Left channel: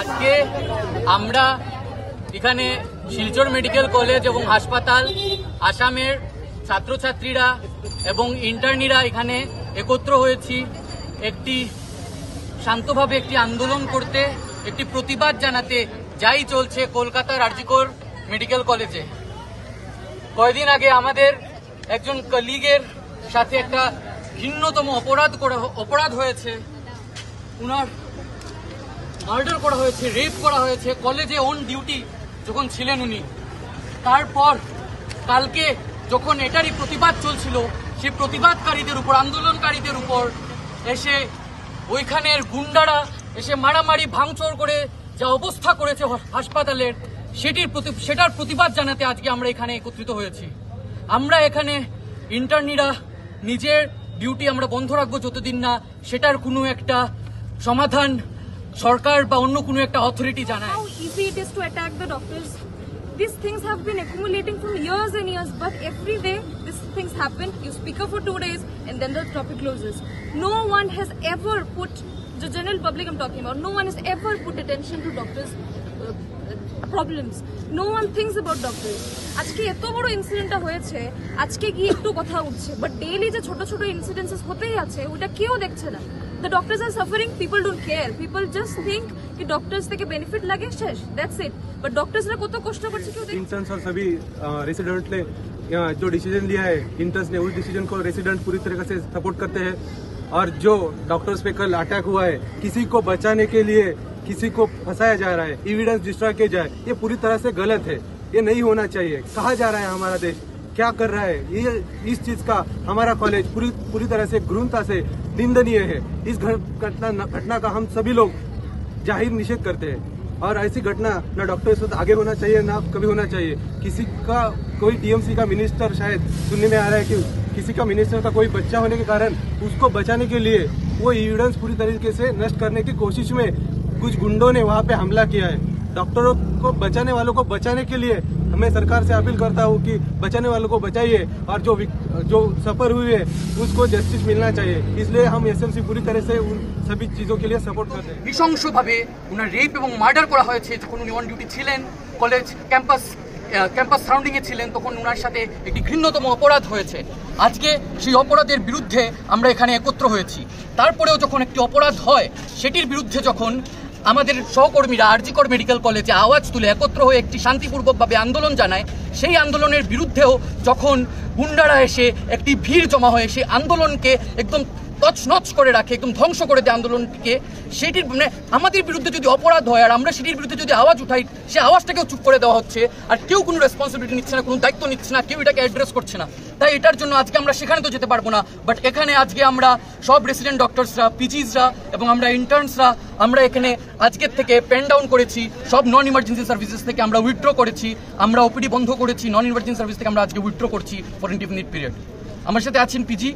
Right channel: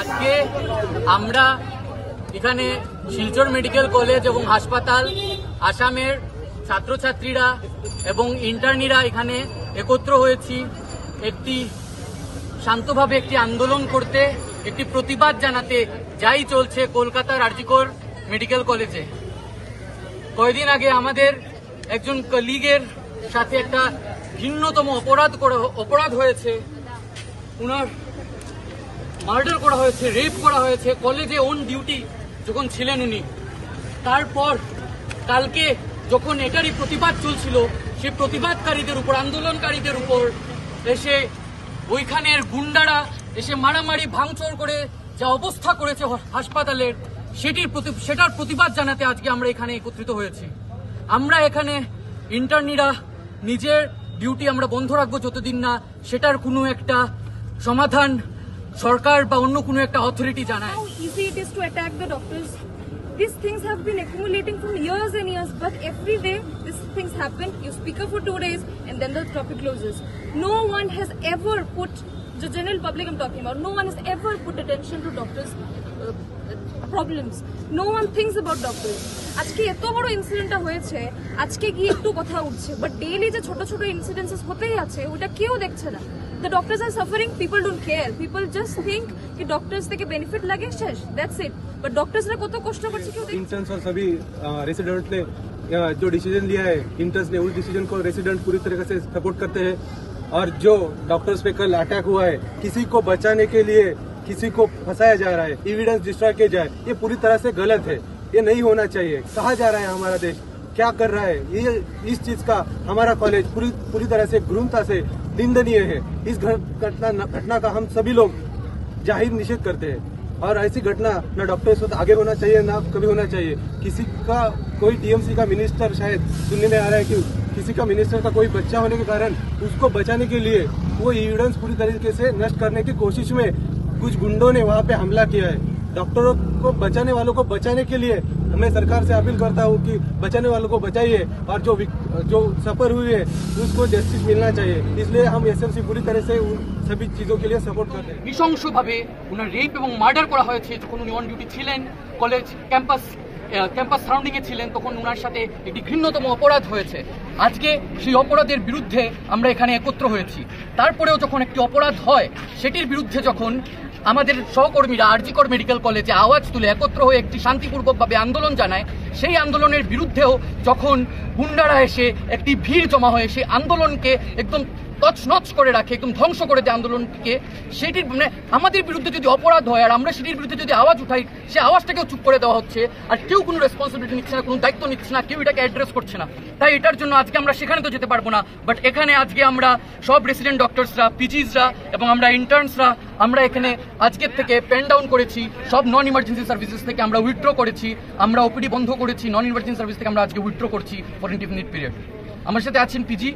আজকে আমরা এখানে শিলচর মেডিকেল কলেজ এবং হাসপাতাল আসামের ছাত্রছাত্রীরা এবং ইন্টার্নিরা এখানে একত্র হয়েছি একটি শান্তভাবে একটি আন্দোলন করতে, একটি প্রতিবাদ জানাতে যাই চলছে কলকাতার আরজিকর মেডিকেল কলেজে। কয়েকদিন আগে আমাদের একজন কলিগের সাথে একটা ঘৃণ্যতম অপরাধ হয়েছে, উনার মার্ডার করা হয়েছে, রেপ করা হয়েছে কলেজে অন ডিউটি যখন ছিলেন উনি। তারপর কালকে যখন এটারই প্রতিবাদ চলছিল, সেই প্রতিবাদকারীদের উপর, আন্দোলনকারীদের উপর এসে ওইখানের গুন্ডারা এসে মারামারি ভাঙচুর করে যা অবস্থা করেছে হাসপাতালের, সেটার প্রতিবাদ জানাতে আজকে আমরা এখানে একত্রিত হয়েছি। আমরা এখানে ইন্টার্নিরা নিজের ডিউটি আমরা বন্ধ রাখবো যতদিন না সেটার কোনো একটা সমাধান সরকার বা অন্য কোনো একটা অথরিটি জানায়। How easy it is to attack the doctors. These things have been accumulating from years and years, but every day these things happen. You speak up for 2 days and then the topic closes. No one has ever put, the general public I'm talking about, no one has ever put attention to doctors' problems. No one thinks about doctors. আজকে এত বড় ইনসিডেন্টটা হয়েছে, আজকে গিয়ে একটু কথা উঠছে, but daily যে ছোট ছোট ইনসিডেন্টস হতেই আছে ওটা কেউ দেখছে না। The doctors are suffering, people don't care. People just think कि doctors থেকে benefit लगे शेष, that's it. But doctors ने कतो कष्ट करके क्यों? इंटर्न्स और सभी रेसिडेंट ने जो डिसीजन लिया है, इंटर्न्स ने उस डिसीजन को रेसिडेंट पूरी तरीके से सपोर्ट करते हैं। और जो डॉक्टर्स पे कल अटैक हुआ है, किसी को बचाने के लिए किसी को फंसाया जा रहा है, एविडेंस डिस्ट्रॉय किया जाए, ये पूरी तरह से गलत है। ये नहीं होना चाहिए। कहा जा रहा है हमारा देश क्या कर रहा है, ये इस चीज का हमारा कॉलेज पूरी तरह से क्रूरता से निंदनीय है। इस घटना का हम सभी लोग जाहिर निषेध करते हैं और ऐसी घटना न डॉक्टर्स के साथ आगे होना चाहिए, न कभी होना चाहिए। किसी का कोई टीएमसी का मिनिस्टर, शायद सुनने में आ रहा है कि किसी का मिनिस्टर का कोई बच्चा होने के कारण उसको बचाने के लिए वो एविडेंस पूरी तरीके से नष्ट करने की कोशिश में कुछ गुंडों ने वहाँ पे हमला किया है। डॉक्टरों को बचाने वालों को बचाने के लिए मैं सरकार से अपील करता हूँ कि बचाने वालों को बचाइए और जो सफर हुई है उसको जस्टिस मिलना चाहिए। इसलिए हम एसएमसी पूरी तरह से उन सभी चीजों के लिए सपोर्ट करते हैं। নৃশংসভাবে উনার রেপ এবং মার্ডার করা হয়েছে যখন উনি অন ডিউটি ছিলেন, কলেজ ক্যাম্পাস সারাউন্ডিং এ ছিলেন, তখন উনার সাথে একটি ঘৃণ্যতম অপরাধ হয়েছে। আজকে সেই অপরাধের বিরুদ্ধে আমরা এখানে একত্র হয়েছি। তারপরেও যখন একটি অপরাধ হয়, সেটির বিরুদ্ধে যখন আমাদের সহকর্মীরা আরজিকর মেডিকেল কলেজে আওয়াজ তুলে একত্র হয়ে একটি শান্তিপূর্বকভাবে আন্দোলন জানায়, সেই আন্দোলনের বিরুদ্ধেও যখন গুন্ডারা এসে একটি ভিড় জমা হয়ে সেই আন্দোলনকে একদম তছনছ করে রাখে, একদম ধ্বংস করে দেয় আন্দোলনকে, সেটির মানে আমাদের বিরুদ্ধে যদি অপরাধ হয় আর আমরা সেটির বিরুদ্ধে যদি আওয়াজ উঠাই, সে আওয়াজটাকেও চুপ করে দেওয়া হচ্ছে আর কেউ কোনো রেসপন্সিবিলিটি নিচ্ছে না, কোনো দায়িত্ব নিচ্ছে না, কেউ এটাকে অ্যাড্রেস করছে না। তাই এটার জন্য আজকে আমরা সেখানে তো যেতে পারবো না, বাট এখানে আজকে আমরা সব রেসিডেন্ট ডক্টরসরা, পিজিসরা এবং আমরা ইন্টার্নসরা আমরা এখানে আজকের থেকে পেন ডাউন করেছি। সব নন ইমার্জেন্সি সার্ভিসেস থেকে আমরা উইথড্র করেছি, আমরা ওপিডি বন্ধ করেছি, নন ইমার্জেন্সি সার্ভিস থেকে আমরা আজকে উইথড্র করছি ফর ইনডিফিনিট পিরিয়ড। আমার সাথে আছেন PG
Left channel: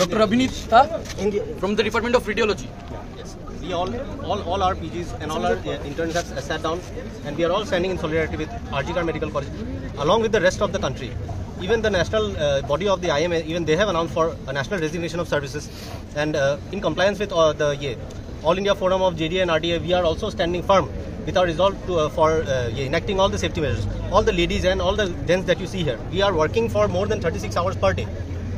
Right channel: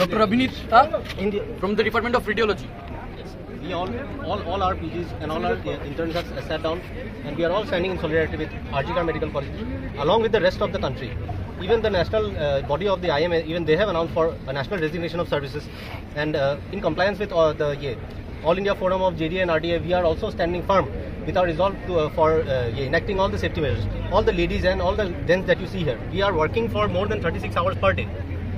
Dr. Abhinit from the Department of Radiology. Yes. We all our PGs and all our interns have sat down, and we are all standing in solidarity with RGKR Medical College, along with the rest of the country. Even the national body of the IMA, even they have announced for a national resignation of services, and in compliance with the All India Forum of JDA and RDA, we are also standing firm with our resolve for enacting all the safety measures. All the ladies and all the gents that you see here, we are working for more than 36 hours per day.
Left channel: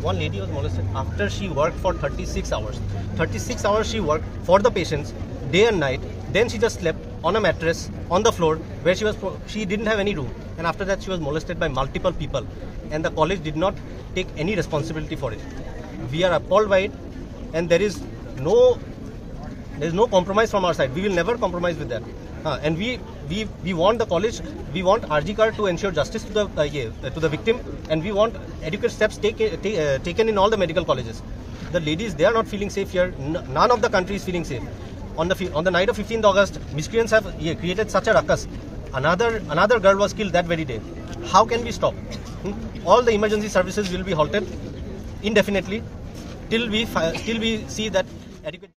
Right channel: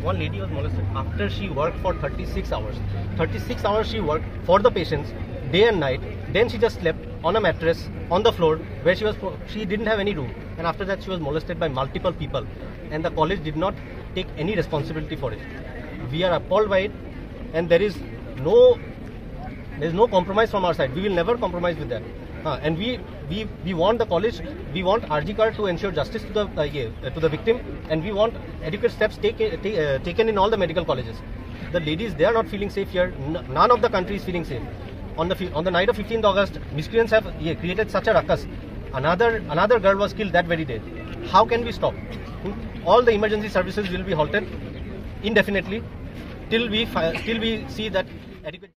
One lady was molested after she worked for 36 hours. 36 hours she worked for the patients, day and night. Then she just slept on a mattress on the floor where she didn't have any room. And after that she was molested by multiple people. And the college did not take any responsibility for it. We are appalled by it, and there is no compromise from our side. We will never compromise with that. And we want the college, we want RG Kar to ensure justice to the victim, and we want adequate steps taken in all the medical colleges. The ladies, they are not feeling safe here. None of the country is feeling safe. On the night of 15th August, miscreants have created such a ruckus. Another girl was killed that very day. How can we stop? All the emergency services will be halted indefinitely till we see that adequate.